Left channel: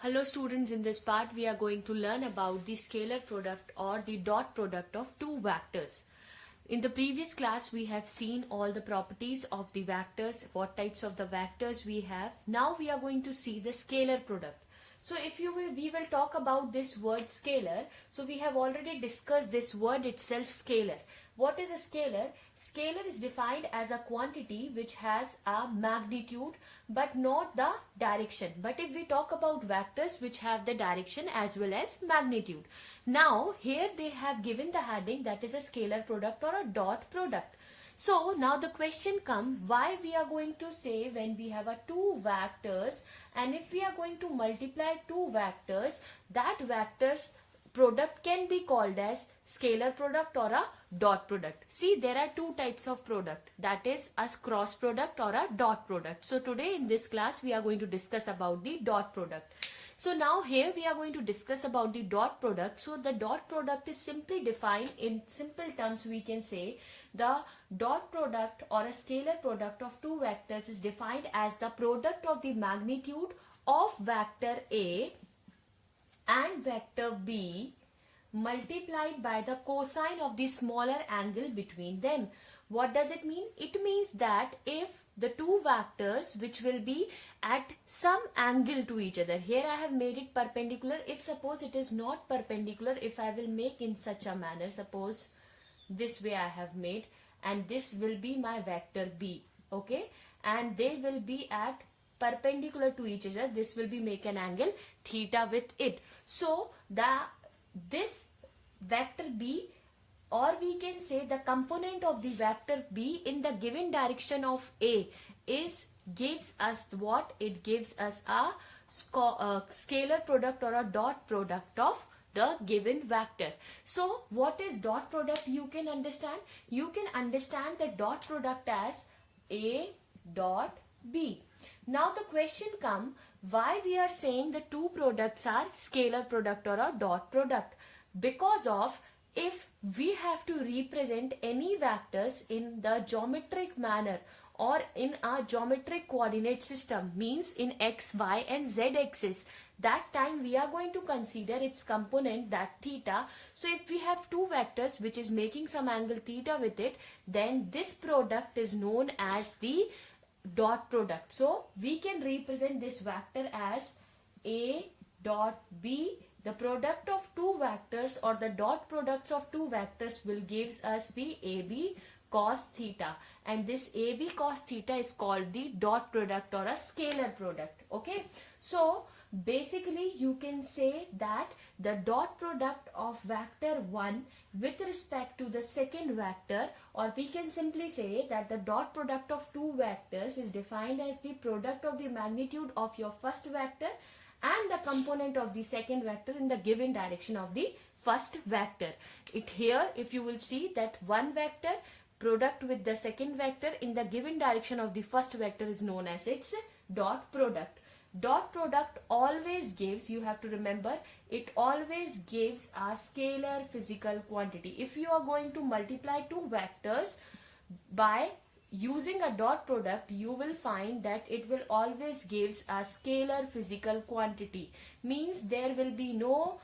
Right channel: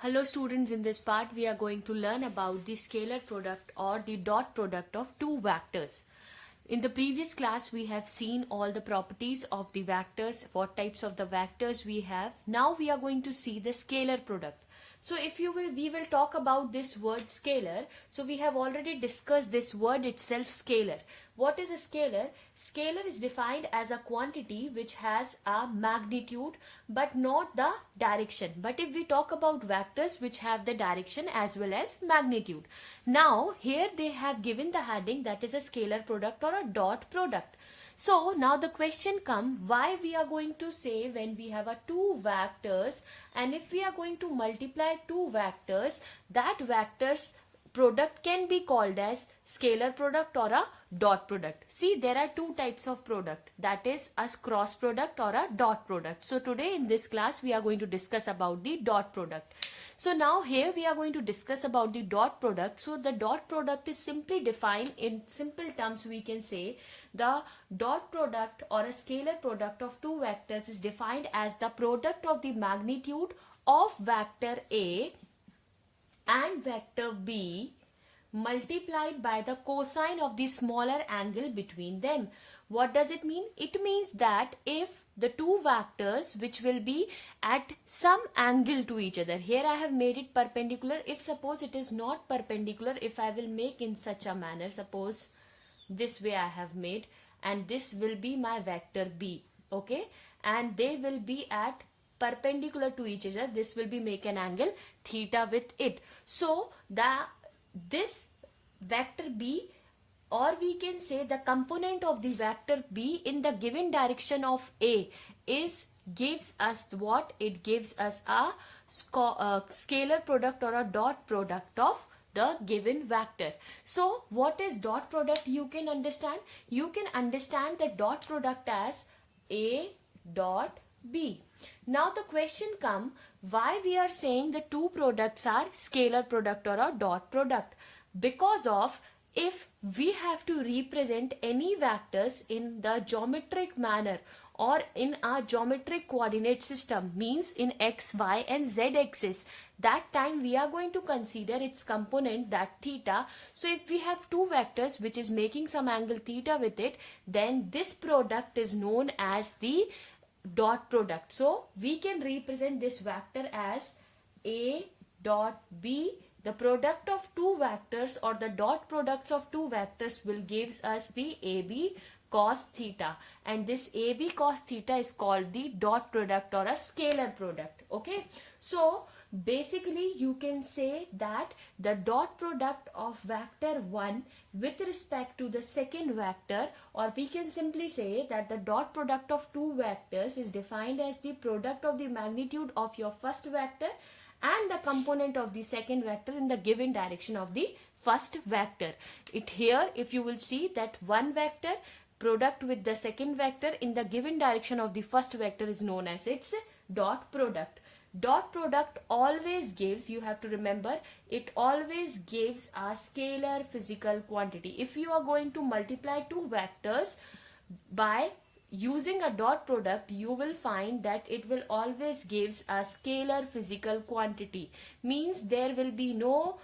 Hello students, in this part we are going to learn about the scalar product or the dot product of two vectors. In the previous class we have seen all the properties of the vectors, what types of the vectors we have. Now we are going to see the scalar product. So we will talk about this word scalar. So we have already discussed this word itself, scalar. What is a scalar? Scalar is defined as a quantity which has a magnitude but not the direction. But if we talk about vectors which have the direction as well as magnitude. Now here they have given the heading that is a scalar product or a dot product. So now the question comes, why we are going to say when we have a two vectors, and if we are going to multiply two vectors, that vectors product can be called as scalar product or a dot product. See, there are two types of product, that is a cross product or a dot product. So today in this class we are going to discuss about the dot product. So now here we are going to discuss about the dot product. So the dot product is simply defined in simple terms. We can say the dot product or a scalar product of two vectors is defined as the product of the magnitude of vector A and vector B multiplied by the cosine of the smaller angle between them. What does it mean? It means that if the two vectors which will be at some angle to each other, here I have made it perpendicular. If suppose it is not perpendicular, if I will make in such a manner, suppose this way I have made, and this will be my vector B, okay, and they will be at perpendicular to each other, this will be make an angle theta with it. So this vector B, or we can say the component of the vector B in the given direction of A gives us what? It gives us a scalar product or a dot product of the given vector. So what is dot product? You can understand. You can understand the dot product as A dot B. Now the question comes, why we are saying the two products are scalar product or a dot product? Because of, if we have to represent any vectors in the geometric manner or in a geometric coordinate system, means in x, y and z axis, that time we are going to consider its component, that theta. So if we have two vectors which is making some angle theta with it, then this product is known as the dot product. So we can represent this vector as A dot B. The product of two vectors or the dot products of two vectors will gives us the AB cos theta, and this AB cos theta is called the dot product or a scalar product. Okay, so basically you can say that the dot product of vector 1 with respect to the second vector, or we can simply say that the dot product of two vectors is defined as the product of the magnitude of your first vector and the component of the second vector in the given direction of the first vector. It here, if you will see that one vector product with the second vector in the given direction of the first vector is known as its dot product. Dot product always gives, you have to remember, it always gives a scalar physical quantity. If you are going to multiply two vectors by using a dot product, you will find that it will always gives a scalar physical quantity. Means there will be no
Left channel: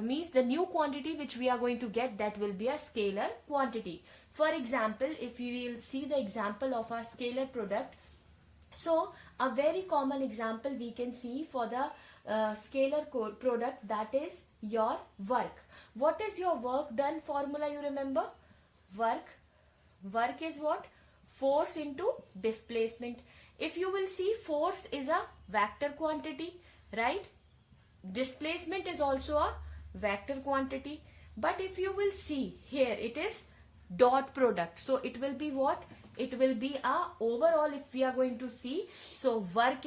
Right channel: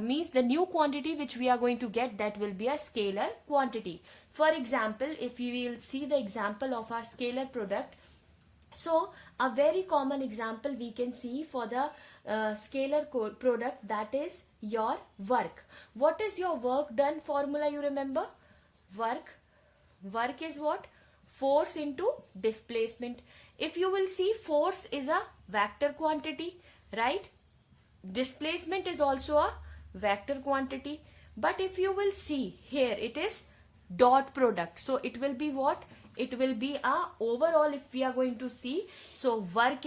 means the new quantity which we are going to get, that will be a scalar quantity. For example, if you will see the example of a scalar product, so a very common example we can see for the scalar product, that is your work. What is your work done formula? You remember, work is what? Force into displacement. If you will see, force is a vector quantity, right? Displacement is also a vector quantity. But if you will see here, it is dot product. So it will be what? It will be a overall, if we are going to see, so work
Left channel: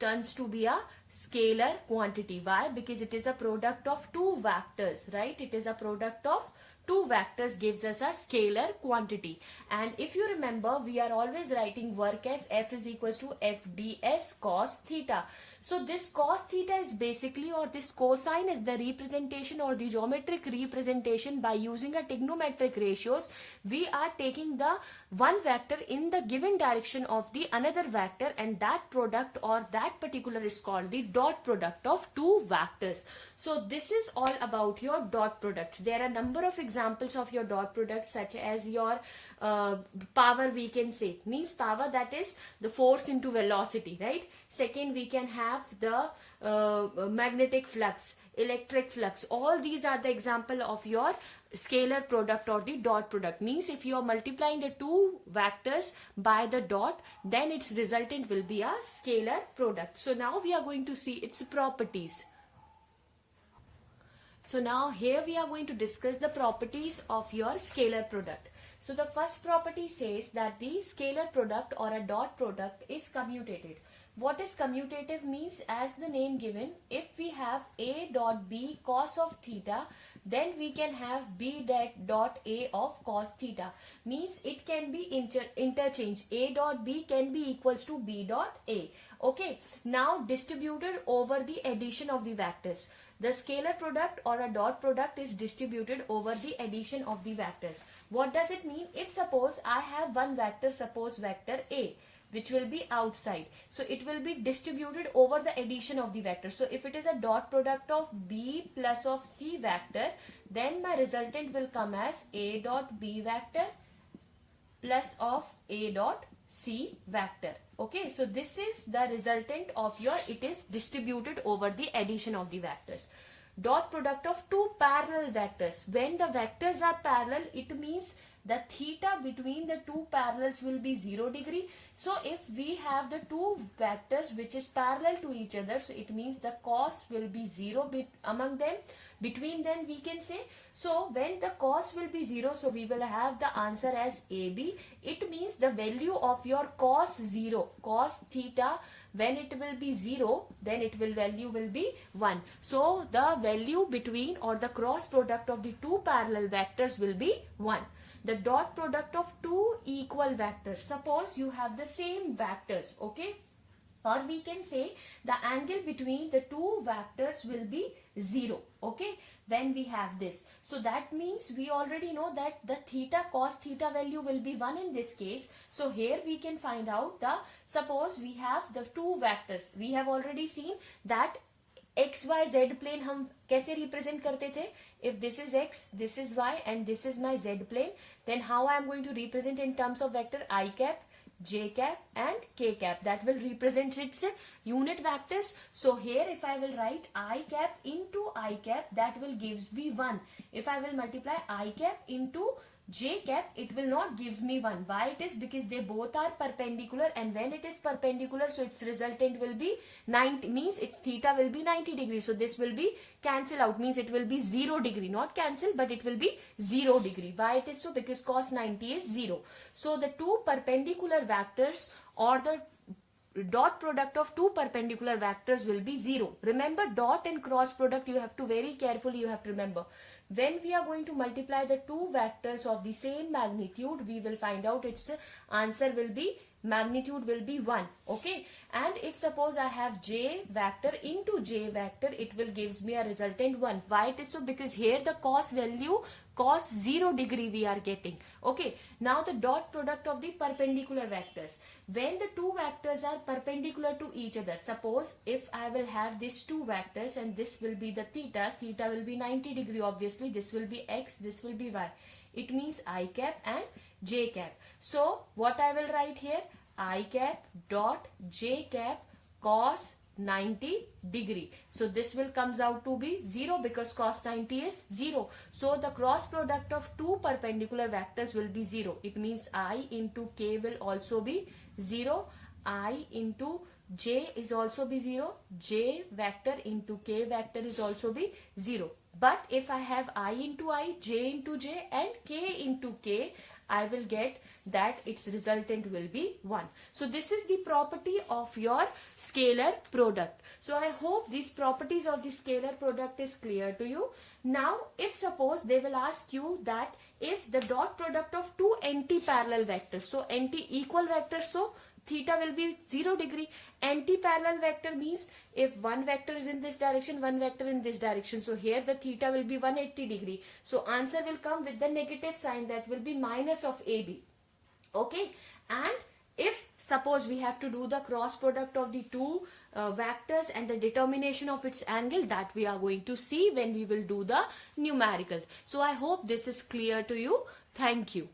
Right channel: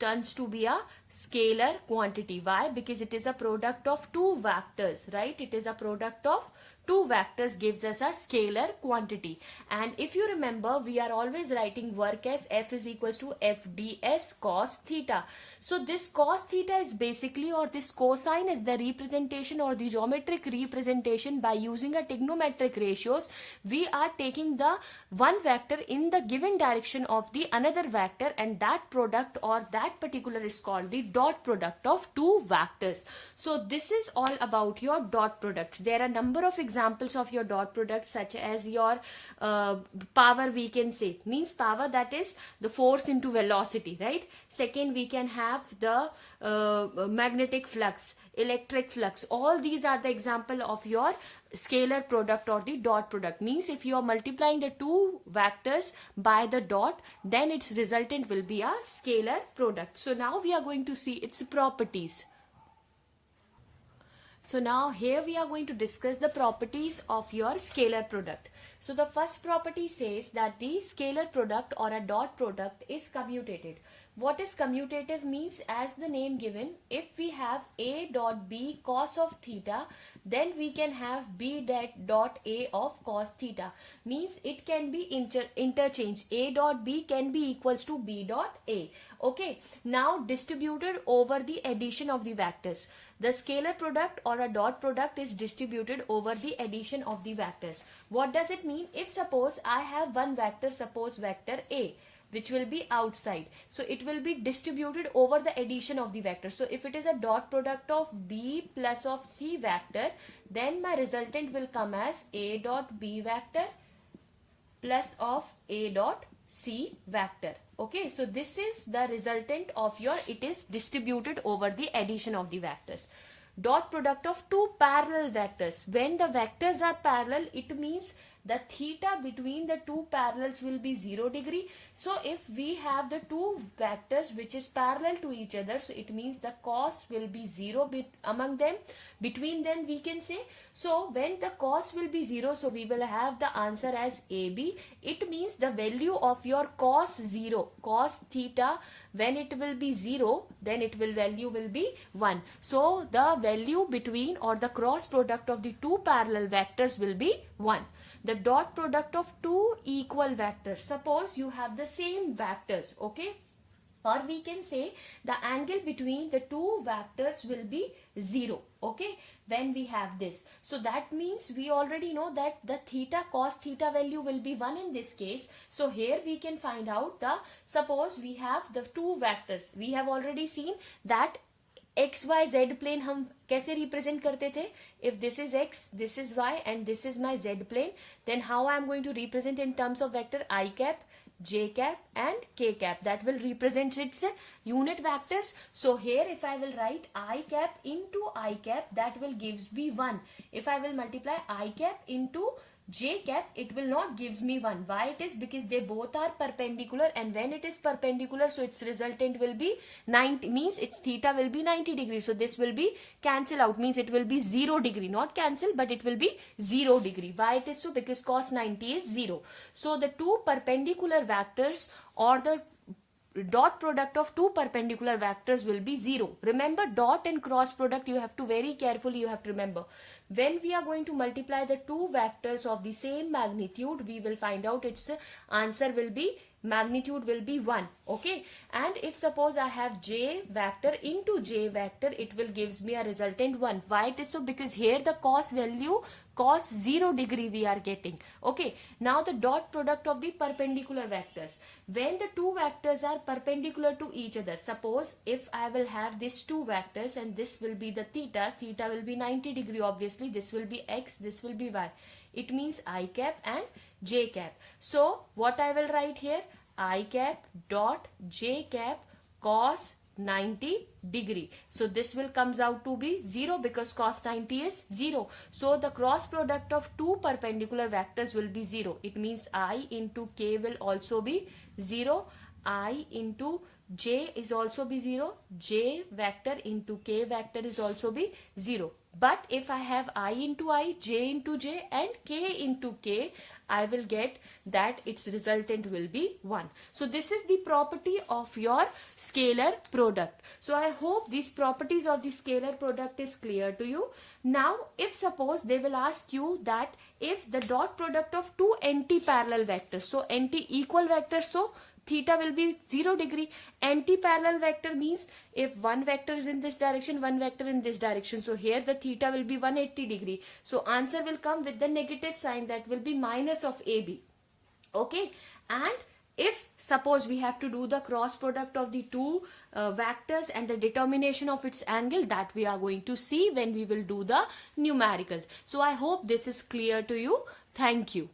turns to be a scalar quantity. Why? Because it is a product of two vectors, right? It is a product of two vectors gives us a scalar quantity. And if you remember, we are always writing work as F is equals to FDS cos theta. So this cos theta is basically, or this cosine is the representation or the geometric representation by using a trigonometric ratios. We are taking the one vector in the given direction of the another vector, and that product or that particular is called the dot product of two vectors. So this is all about your dot products. There are a number of examples of your dot products, such as your power, we can say, means power, that is the force into velocity, right? Second, we can have the magnetic flux, electric flux. All these are the example of your scalar product or the dot product. Means if you are multiplying the two vectors by the dot, then its resultant will be a scalar product. So now we are going to see its properties. So now here we are going to discuss the properties of your scalar product. So the first property says that the scalar product or a dot product is commutative. What is commutative means, as the name given, if we have A dot B cos of theta, then we can have B dot A of cos theta. Means it can be interchanged. A dot B can be equals to B dot A. Okay. Now distributed over the addition of the vectors. The scalar product or a dot product is distributed over the addition of the vectors. What does it mean? If suppose I have one vector, suppose vector A, which will be outside. So it will be distributed over the addition of the vector. So if it is a dot product of B plus of C vector, then my resultant will come as A dot B vector plus of A dot C vector. Okay, so this is the resultant of your, it is distributed over the addition of the vectors. Dot product of two parallel vectors. When the vectors are parallel, it means the theta between the two parallels will be 0 degree. So if we have the two vectors which is parallel to each other, so it means the cos will be 0 among them, between them, we can say. So when the cos will be 0, so we will have the answer as AB. It means the value of your cos 0, cos theta, when it will be 0, then it will value will be 1. So the value between or the cross product of the two parallel vectors will be 1. The dot product of two equal vectors. Suppose you have the same vectors, okay? Or we can say the angle between the two vectors will be 0, okay, when we have this. So that means we already know that the theta, cos theta value will be 1 in this case. So here we can find out the, suppose we have the two vectors. We have already seen that XYZ plane हम कैसे represent करते थे? If this is X, this is Y and this is my Z plane, then how I am going to represent in terms of vector I cap, J cap and K cap? That will represent its unit vectors. So here if I will write I cap into I cap, that will gives me 1. If I will multiply I cap into J cap, it will not gives me 1. Why it is? Because they both are perpendicular, and when it is perpendicular, so its resultant will be 90, means its theta will be 90 degrees. So this will be cancel out, means it will be 0 degree, not cancel, but it will be 0 degree. Why it is so? Because cos 90 is 0. So the two perpendicular vectors or the dot product of two perpendicular vectors will be 0. Remember, dot and cross product, you have to very carefully, you have to remember. When we are going to multiply the two vectors of the same magnitude, we will find out its answer will be, magnitude will be 1. Okay. And if suppose I have J vector into J vector, it will gives me a resultant 1. Why it is so? Because here the cos value, cos 0 degree we are getting. Okay. Now the dot product of the perpendicular vectors. When the two vectors are perpendicular to each other, suppose if I will have these two vectors and this will be the theta, theta will be 90 degree obviously, this will be X, this will be Y. It means I cap and J cap. So what I will write here? I cap dot J cap cos 90 degree. So this will comes out to be 0 because cos 90 is 0. So the cross product of two perpendicular vectors will be 0. It means I into K will also be 0. I into J is also be 0. J vector into K vector is also be 0. But if I have I into I, J into J and K into K, I will get that its resultant will be 1. So this is the property of your scalar product. So I hope these properties of the scalar product is clear to you. Now if suppose they will ask you that if the dot product of two anti-parallel vectors, so anti-equal vectors, so theta will be 0 degree. Anti-parallel vector means if one vector is in this direction, one vector in this direction. So here the theta will be 180 degree. So answer will come with the negative sign, that will be minus of AB. Okay, and if suppose we have to do the cross product of the two vectors and the determination of its angle, that we are going to see when we will do the numerical. So I hope this is clear to you. Thank you.